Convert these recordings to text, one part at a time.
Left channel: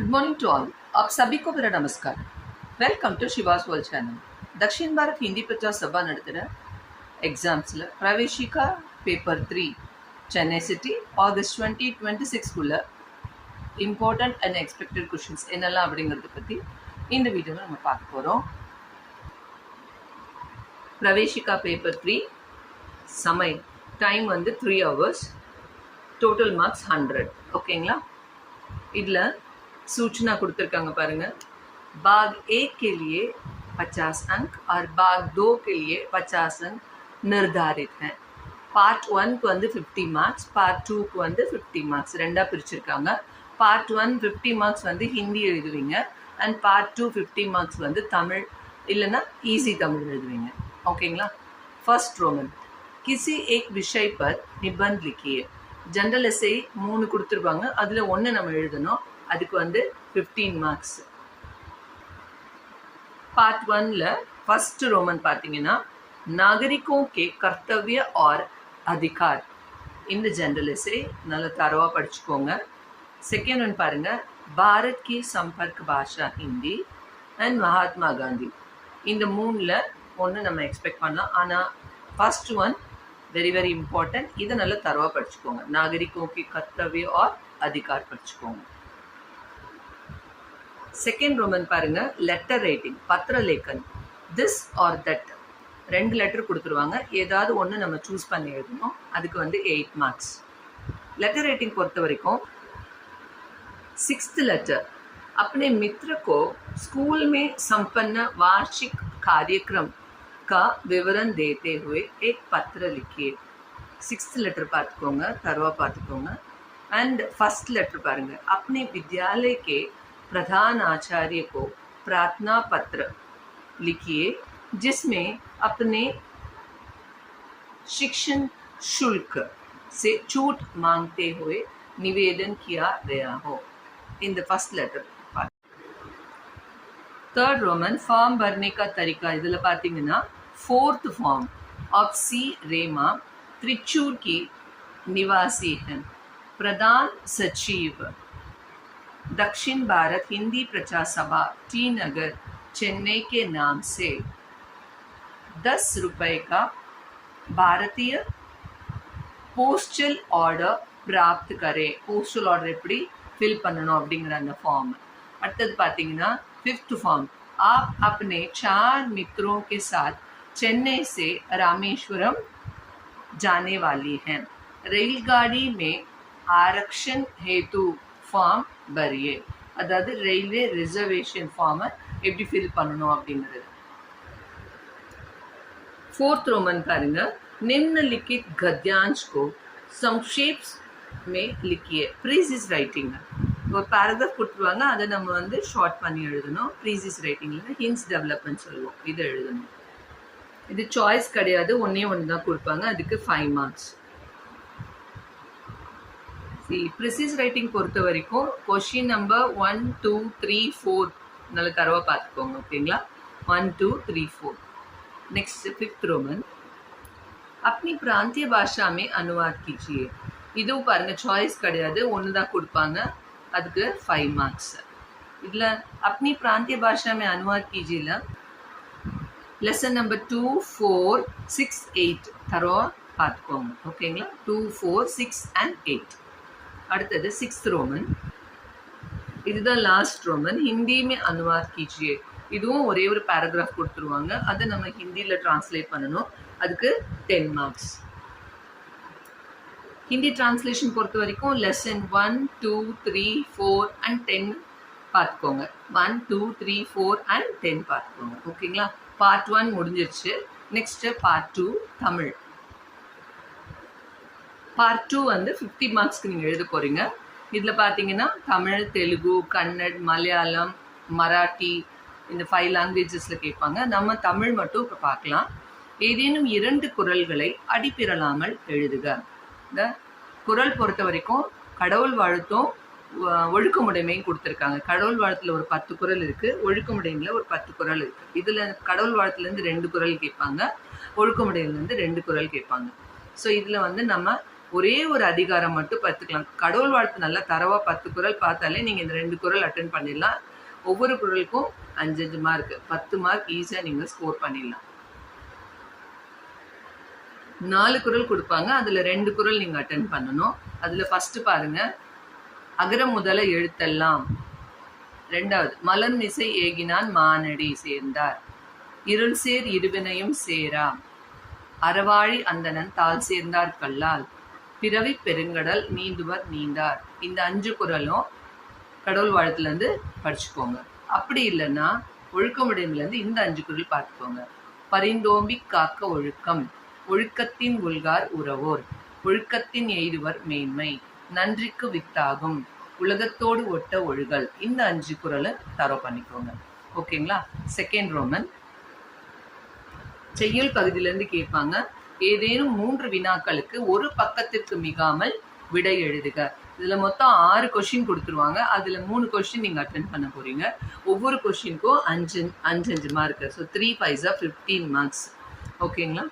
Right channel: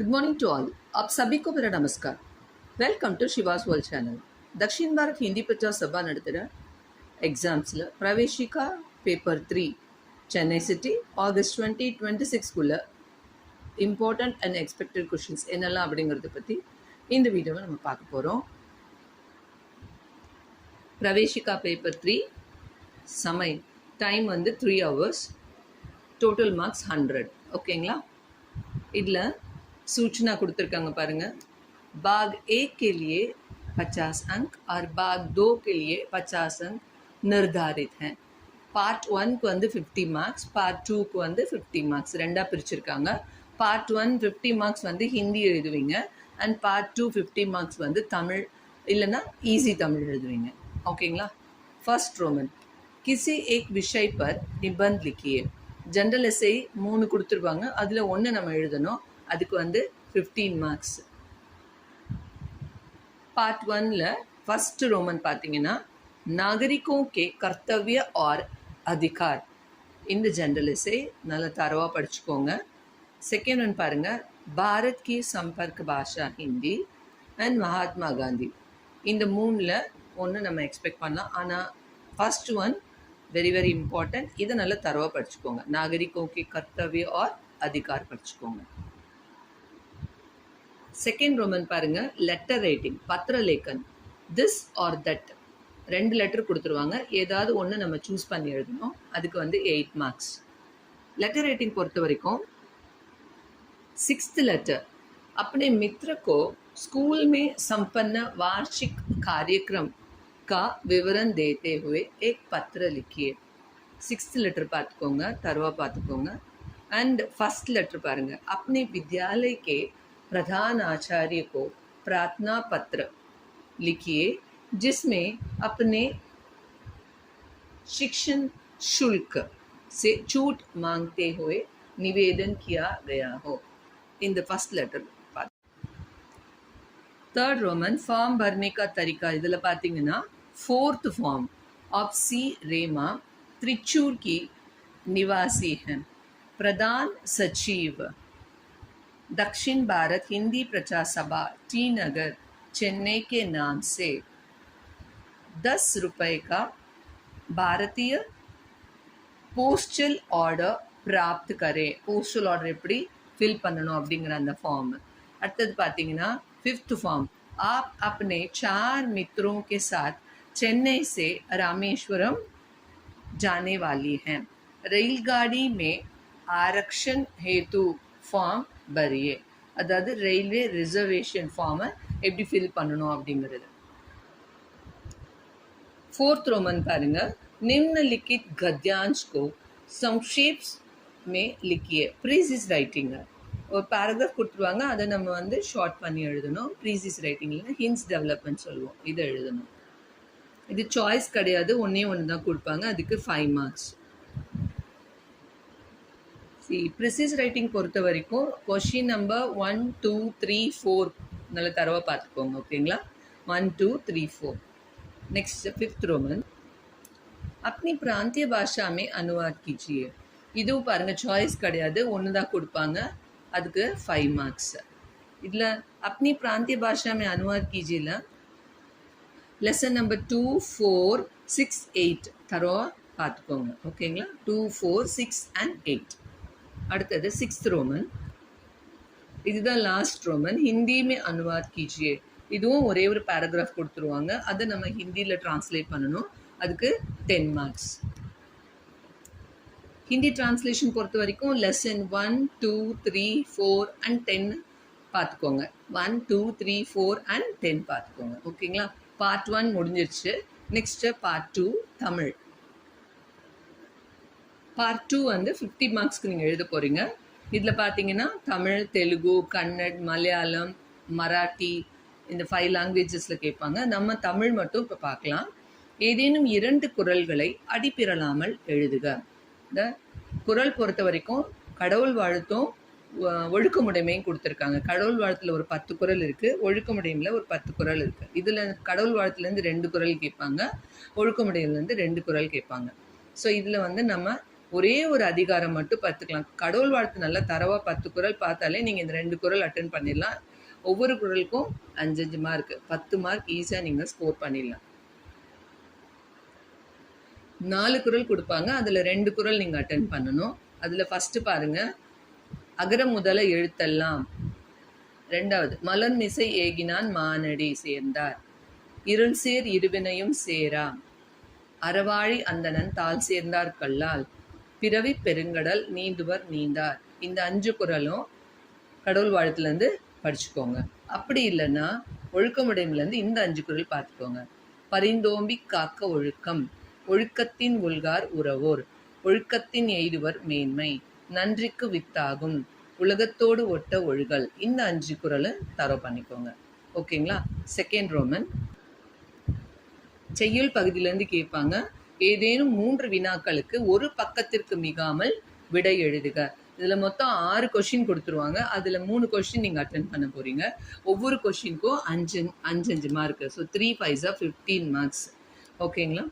Good morning to all. आप सभी को मेरा नमस्कार। Welcome to Shiva's world channel. Dakshin Bharat Hindi Prachar Sabha நடத்துகிற எக்ஸாம்ஸில் Praveshika paper 3 Chennai city August 2026குள்ள இம்பார்ட்டண்ட் அண்ட் எக்ஸ்பெக்டட் கொஷின்ஸ் என்னெல்லாம் அப்படிங்கிறத பற்றி இந்த வீடியோவில் நம்ம பார்க்க போகிறோம். பிரவேஷிகா பேப்பர் 3 சமயம் டைம் வந்து 3 hours, டோட்டல் மார்க்ஸ் 100. ஓகேங்களா? இதில் सूचना கொடுத்துருக்காங்க பாருங்க. भाग 1 के लिए 50 अंक और भाग 2 के लिए 50 अंक निर्धारित हैं. பார்ட் 1க்கு வந்து 50 மார்க்ஸ், பார்ட் 2க்கு வந்து 50 மார்க்ஸ் ரெண்டாக பிரிச்சிருக்காங்க. பார்ட் 1 50 மார்க்ஸ் வந்து ஹிந்தி எழுதுவீங்க அண்ட் பார்ட் 2 50 மார்க்ஸ் வந்து தமிழ் இல்லைன்னா ஈஸி தமிழ் எழுதுவீங்க. ஓகேங்களா? ஃபர்ஸ்ட் ரோமன், किसी एक विषय पर निबंध लिखिए. जनरल एसे 3 கொடுத்துருவாங்க, அதில் 1 நம்ம எழுதணும். அதுக்கு வந்து 15 மார்க்ஸ். பார்ட் 1ல ஃபர்ஸ்ட் ரோமன் பார்த்தீங்கன்னா नागरिकों के कर्तव्य और अधिकार. இந்த ஜெனரல் எஸ்ஸே நல்ல தரவா படிச்சுக்கோங்க. செகண்ட் ஒன் பாருங்க, பாரத் की संपर्क भाषा हिंदी அண்ட் மகாத்மா காந்தி. இந்த 3ல் ஒன்று நம்ம எக்ஸ்பெக்ட் பண்ணலாம். ஆனால் first one very very important. இதை நல்ல தரவா படிச்சுக்கோங்க. नागरिकों के कर्तव्य और अधिकार படிச்சுக்கோங்க. செகண்ட் ரோமன் பாருங்க, லெட்டர் ரைட்டிங், பத்திர லேக்கன். திஸ் ஆர் தட் 2 லெட்டர் கொடுத்துருவாங்க, ஏதாவது ஒன்று நம்ம சூஸ் பண்ணி எழுதணும். அதுக்கு வந்து 8 மார்க்ஸ். लेटर रेटिंग பொறுத்த வரைக்கும் 6th लेटर, अपने मित्र को स्कूल में संपन्न वार्षिक कार्यक्रम का विवरण देते हुए एक पत्र लिखिए. 6th लेटर பார்த்துக்கோங்க, தரவா பார்த்துக்கோங்க. एंड फर्स्ट लेटर பாருங்க, अपने विद्यालय के प्रधान आचार्य को प्रार्थना पत्र लिखिए जिसमें अपने शिक्षण शुल्क से छूट मांगते हुए निवेदन किया गया हो. In the first letter. Third Roman, form भरने का तरीका. इधर பார்த்தீங்கன்னா fourth form of C Rema Trichur की निवासी हैं. प्रधान सचिव दक्षिण भारत हिंदी प्रचार सभा टी नगर चेन्नई के नाम से 10 रुपये का भारतीय पोस्टल ऑर्डर प्राप्त करे. पोस्टल ऑर्डर எப்படி ஃபில் பண்ணணும் அப்படிங்கிற அந்த ஃபார்ம். அடுத்தது பார்த்தீங்கன்னா 5th फॉर्म, आप अपने 4 मित्रों के साथ चेन्नई से रामेश्वरम जाने वाली हैं. रेलगाड़ी में आरक्षण हेतु ஃபார்ம் भरिए. அதாவது ரயில்வே ரிசர்வேஷன் ஃபார்மை எப்படி ஃபில் பண்ணணும் அப்படிங்கிறது. 4th रोमन பாருங்க, निम्नलिखित गद्यांश को संक्षेप में लिखिए. ப்ரீசிஸ் ரைட்டிங் ஒரு பேராகிராஃப் கொடுத்துருவாங்க, அதை நம்ம வந்து ஷார்ட் பண்ணி எழுதணும். ப்ரீசிஸ் ரைட்டிங்கில் ஹின்ஸ் டெவலப்மெண்ட் சொல்லுவோம், இதை எழுதணும். இது சாய்ஸ் கிடையாது, ஒன்றே ஒன்று தான் கொடுப்பாங்க. அதுக்கு 5 மார்க்ஸ். ப்ரிசிஸ் ரைட்டிங் பொறுத்த வரைக்கும் கொஷின் நம்பர் 1, 2, 3, 4 நல்ல தரவாக பார்த்துக்கோங்க. ஓகேங்களா? 1, 2, 3, 4. नेक्स्ट 5th रोमन, अपनी प्रांतीय भाषा में अनुवाद कीजिए. இதுவும் பாருங்க சாய்ஸ் கிடையாது, ஒன்று தான் கொடுப்பாங்க. அதுக்கு 5 மார்க்ஸ். இதில் अपनी प्रांतीय भाषा में अनुवाद कीजिए லெசன் நம்பர் 2, 4, 6, 8 தரவா பார்த்துக்கோங்க. ஓகேங்களா? 2, 4, 6 and 8. அடுத்தது 6th रोमन, இதுதான் லாஸ்ட் ரோமன். ஹிந்தி में अनुवाद कीजिए. இதுவும் ஒரே ஒரு பேராகிராஃப் கொடுத்துருவாங்க, அதை நம்ம ஹிந்தியில் ட்ரான்ஸ்லேட் பண்ணணும். அதுக்கு 10 மார்க்ஸ். ஹிந்தி டிரான்ஸ்லேஷன் பொறுத்த வரைக்கும் லெசன் 1, 2, 3, 4 and 10 பார்த்துக்கோங்க. 1, 2, 3, 4 and 10 பார்த்துக்கோங்க. ஓகேங்களா? பார்ட் 1 முடிஞ்சிருச்சு. Next part 2 Tamil. பார்ட் 2 வந்து 50 மார்க்ஸ்க்கு நீங்கள் எழுத போகிறீங்க. இதில் பார்த்தீங்கன்னா தமிழ், தெலுங்கு, கன்னட், மலையாளம், மராட்டி இந்த 5 லாங்குவேஜஸில் கேட்பாங்க. நம்ம தமிழ் மட்டும் இப்போ பார்க்கலாம். ஏதேனும் 2 குறள்களை அடிப்பிரலாமல் எழுதுக. இந்த குறள் பொறுத்த வரைக்கும் கடவுள் வாழ்த்தும் ஒழுக்கமுடைமையும் கொடுத்துருக்காங்க. கடவுள் வாழ்த்தில் ஒரு 10 குறள் இருக்குது, ஒழுக்கமுடைமையில் ஒரு 10 குறள் இருக்குது. இதில் கடவுள் வாழ்த்துலேருந்து 2 குறள் கேட்பாங்க, ஒழுக்கமுடையிலேருந்து 2 குறள் கேட்பாங்க. ஸோ இதில் வந்து நம்ம ஒரே ஒரு அதிகாரம் மட்டும் பார்த்துக்கலாம். கடவுள் வாழ்த்து நல்லா தரவா 10 குறள் பார்த்தாலே நீங்கள் இந்த 2 குறள் அட்டன் பண்ணிடலாம். ஒவ்வொரு குறளுக்கும் 5 மார்க், 10 மார்க் ஈஸியாக நீங்கள் ஸ்கோர் பண்ணிடலாம். 4 குறள் கொடுப்பாங்க, அதில் 2 குறள் நீங்கள் அட்டன் பண்ணணும். அதில் ஃபஸ்ட்டு பாருங்கள், அகர முதல எழுத்தெல்லாம். 2வது, மலர் மிசை ஏகினான் மானடி சேர்ந்தார். இருள் சேர் இருவினையும் சேரா அறவாழி அந்தணன் தாள் சேர்ந்தார் கல்லால் பிறவி பெருங்கடல் நீந்துவர் நீந்தார். இந்த 5 குறளும் கடவுள் வாழ்த்துலேருந்து படிச்சுக்கோங்க. அப்படி இல்லைன்னா ஒழுக்கமுடையிலேருந்து இந்த 5 குறள் பார்த்துக்கோங்க. பரிந்தோம்பி காக்க ஒழுக்கம், ஒழுக்கத்தின் உள்கார் உறவோர், ஒழுக்கத்தின் எய்துவர் மேன்மை, நன்றிக்கு வித்தாகும், உலகத்தோடு ஒட்ட ஒழுகல். இந்த 5 குறளை தரோ பண்ணிக்கோங்க. ஓகேங்களா? செகண்ட் ரோமன் செய்யுள் பகுதியிலேருந்து கேட்பாங்க. ஏதேனும் 3 வினாக்களுக்கு ஒரு பக்கத்திற்கு மிகாமல் விடை எழுதுக. இதில் மொத்தம் 6 கொஷின் கொடுத்துருவாங்க. அதில் 3 கொஷின் நீங்கள் அட்டென்ட் பண்ண போகிறீங்க. ஒவ்வொரு கொஷினுக்கும் 5 மார்க். So 3 5 15 marks. ஓகேங்களா?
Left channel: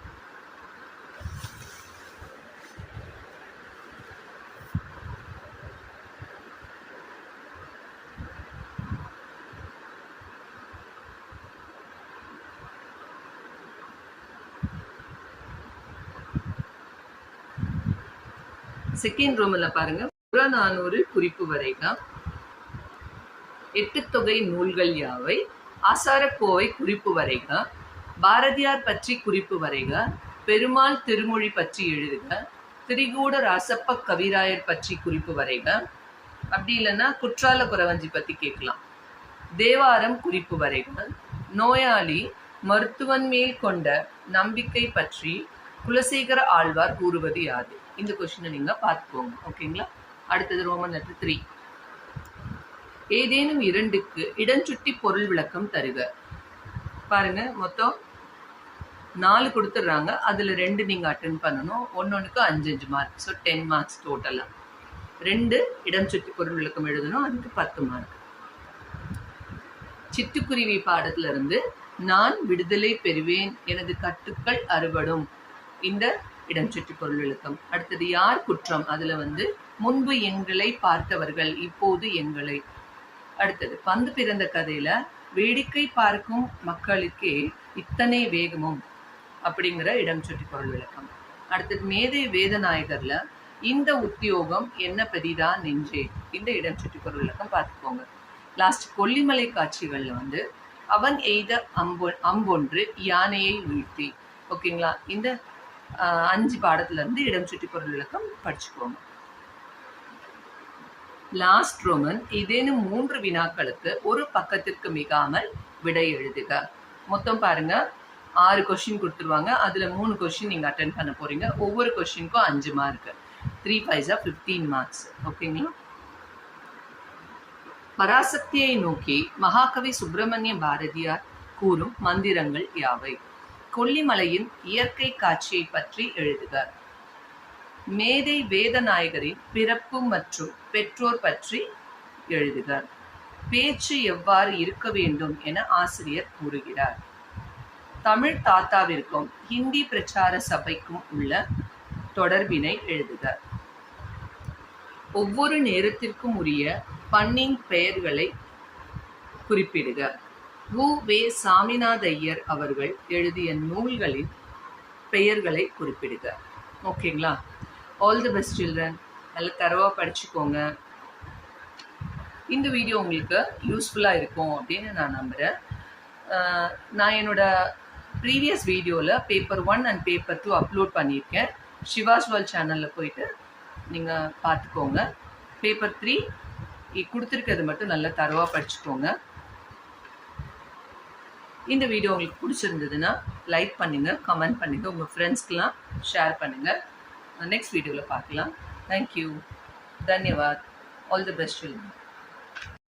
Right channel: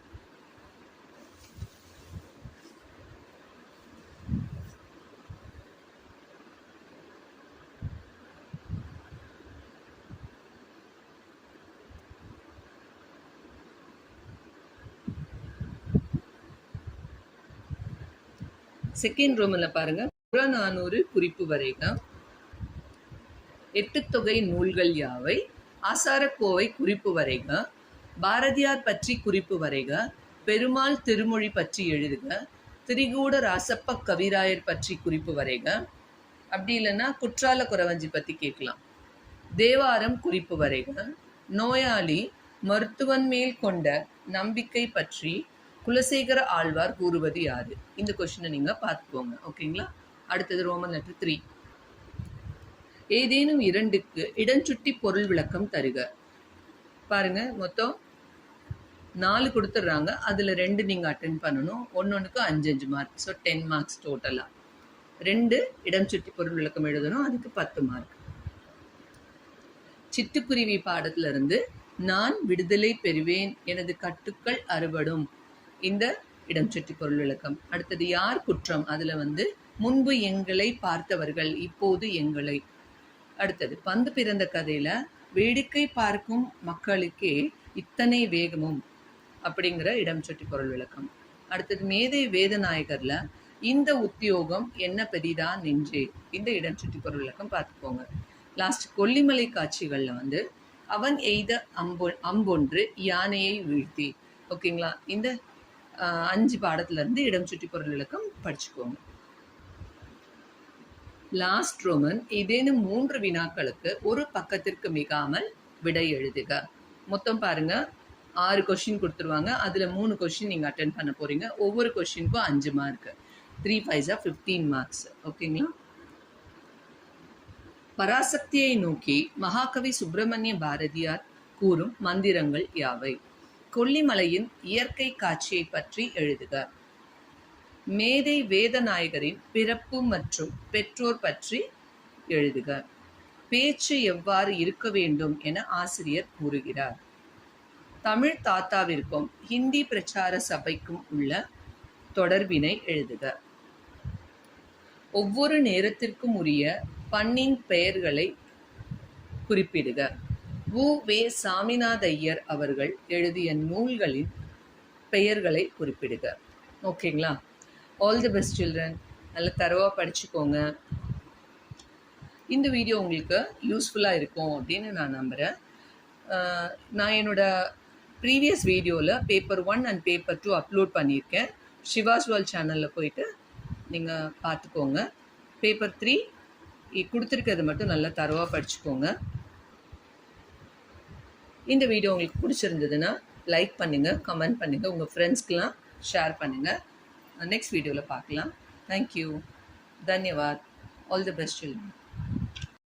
செகண்ட் ரோமனில் பாருங்கள், புறநானூறு குறிப்பு வரைக, 8 தொகை நூல்கள் யாவை, ஆசாரக்கோவை குறிப்பு வரைக, பாரதியார் பற்றி குறிப்பு வரைக, பெருமாள் திருமொழி பற்றி எழுதுக, திரிகூட ராசப்ப கவிராயர் பற்றி குறிப்பு வரைக. அப்படி இல்லைன்னா குற்றால குறவஞ்சி பற்றி கேட்கலாம். தேவாரம் குறிப்பு வரைக, நோயாளி மருத்துவன் மேல் கொண்ட நம்பிக்கை பற்றி குலசேகர ஆழ்வார் கூறுவது யாது? இந்த கொஸ்டினை நீங்கள் பார்த்துக்கோங்க. ஓகேங்களா? அடுத்தது ரோமன் லெட்டர் 3. ஏதேனும் 2க்கு இடஞ்சுட்டி பொருள் விளக்கம் தருக. பாருங்க, மொத்தம் 4 கொடுத்துட்றாங்க. அதில் 2 நீங்கள் அட்டென்ட் பண்ணணும். ஒன்னொன்றுக்கு 5 மார்க். ஸோ 10 மார்க்ஸ் டோட்டலாக. 2 இடம் சுட்டி பொருள் விளக்கம் எழுதணும். அதுக்கு 10 மார்க். சிட்டுக்குருவி பாடத்திலிருந்து நான் விடுதலை பெறுவேன், எனது கட்டுக்கள் அறுபடும். இந்த இடம் சுட்டி பொருள் விளக்கம். அடுத்தது யார் குற்றம்? அதில் முன்பு எங்களை பார்த்தவர்கள், இப்போது எங்களை. அடுத்தது பந்து பிறந்த கதையில் வேடிக்கை பார்க்கும் மக்களுக்கே இத்தனை வேகமும் அப்படிங்கிற இடம் சுட்டி பொருள் விளக்கம். அடுத்தது மேதை வேதநாயகரில் இந்த உத்தியோகம் என்ன பெரிதா நெஞ்சே. இந்த இடம் சுட்டி பொருள் விளக்கம் பார்த்துக்கோங்க. லாஸ்ட் கொல்லிமலை காட்சிகளில் அவன் எய்த அம்பொன்று யானையை வீழ்த்தி. ஓகேங்களா? இந்த 5 பாடத்திலிருந்து இடம் சுட்டி பொருள் விளக்கம் படிச்சுக்கோங்க. லாஸ்ட் ரோமன் ஏதேனும் 3 வினாக்களுக்கு ஒரு பக்கத்திற்கு மிகாமல் விடை எழுதுக. மொத்தம் பாருங்க, 6 கொஸ்டின் கொடுத்துருவாங்க. அதில் 3 கொஸ்டின் நீங்கள் அட்டென்ட் பண்ண போறீங்க. ஒவ்வொரு கொஸ்டினுக்கும் 5 மார்க். 3 5 15 மார்க்ஸ். ஓகேங்களா? பராசக்தியை நோக்கி மகாகவி சுப்பிரமணிய பாரதியார் கூறும் மந்திரங்கள் யாவை? கொல்லிமலையின் இயற்கை காட்சியை பற்றி எழுதுக. மேதை வேதநாயகரின் பிறப்பு மற்றும் பெற்றோர் பற்றி எழுதுக. பேச்சு எவ்வாறு இருக்க வேண்டும் என ஆசிரியர் கூறுகிறார். தமிழ் தாத்தாவிற்கும் ஹிந்தி பிரச்சார சபைக்கும் உள்ள தொடர்பினை எழுதுக. ஒவ்வொரு நேரத்திற்கும் உரிய பண்ணின் பெயர்களை குறிப்பிடுக. வே. சாமிநாதையர் அவர்கள் எழுதிய நூல்களின் பெயர்களை குறிப்பிடுக. ஓகேங்களா? All the best children. நல்லா தரவாக படிச்சுக்கோங்க. இந்த வீடியோ உங்களுக்கு யூஸ்ஃபுல்லாக இருக்கும் அப்படின்னு நான் நம்புகிறேன். நான் என்னோடய ப்ரீவியஸ் வீடியோவில் பேப்பர் 1 அண்ட் பேப்பர் 2 அப்லோட் பண்ணியிருக்கேன். சிவாஸ் வேர்ல்ட் சேனலில் போயிட்டு நீங்கள் பார்த்துக்கோங்க. பேப்பர் 3 கொடுத்துருக்கிறது மட்டும் நல்லா தரவாக படிச்சுக்கோங்க. இந்த வீடியோ உங்களுக்கு பிடிச்சிருந்ததுன்னா லைக் பண்ணுங்கள், கமெண்ட் பண்ணுங்கள், உங்கள் ஃப்ரெண்ட்ஸ்க்கெலாம் ஷேர் பண்ணுங்கள். நெக்ஸ்ட் வீடியோவில் பார்க்கலாம். தேங்க்யூ. தன்யவாத். All the best children.